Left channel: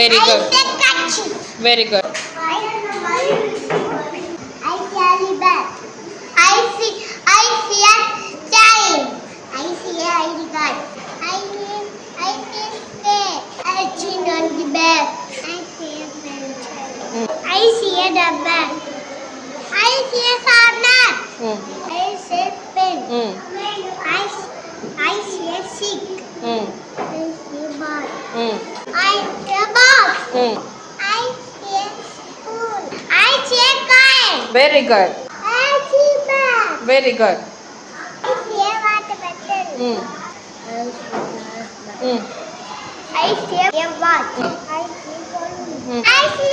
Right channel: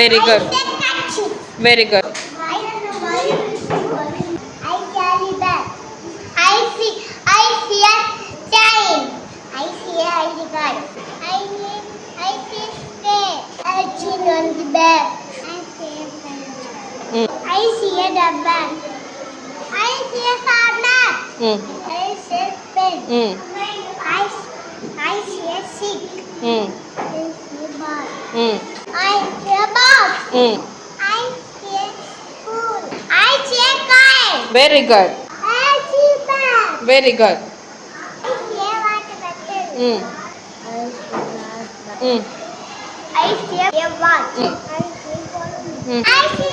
Very good. I say kerchief. Very good. I carry bag. I see a chain. I see a ID card. I see a spade. I chin on the bag. I see a pencil. I see a double. I see a sharpener. I see a pen. I see a stick. I see a ball. I see a box. I see a spoon. I see a coin. Very good. I see a bag. Very good. I see a water bottle. I see a bag. I see a watch. I see a balloon. I see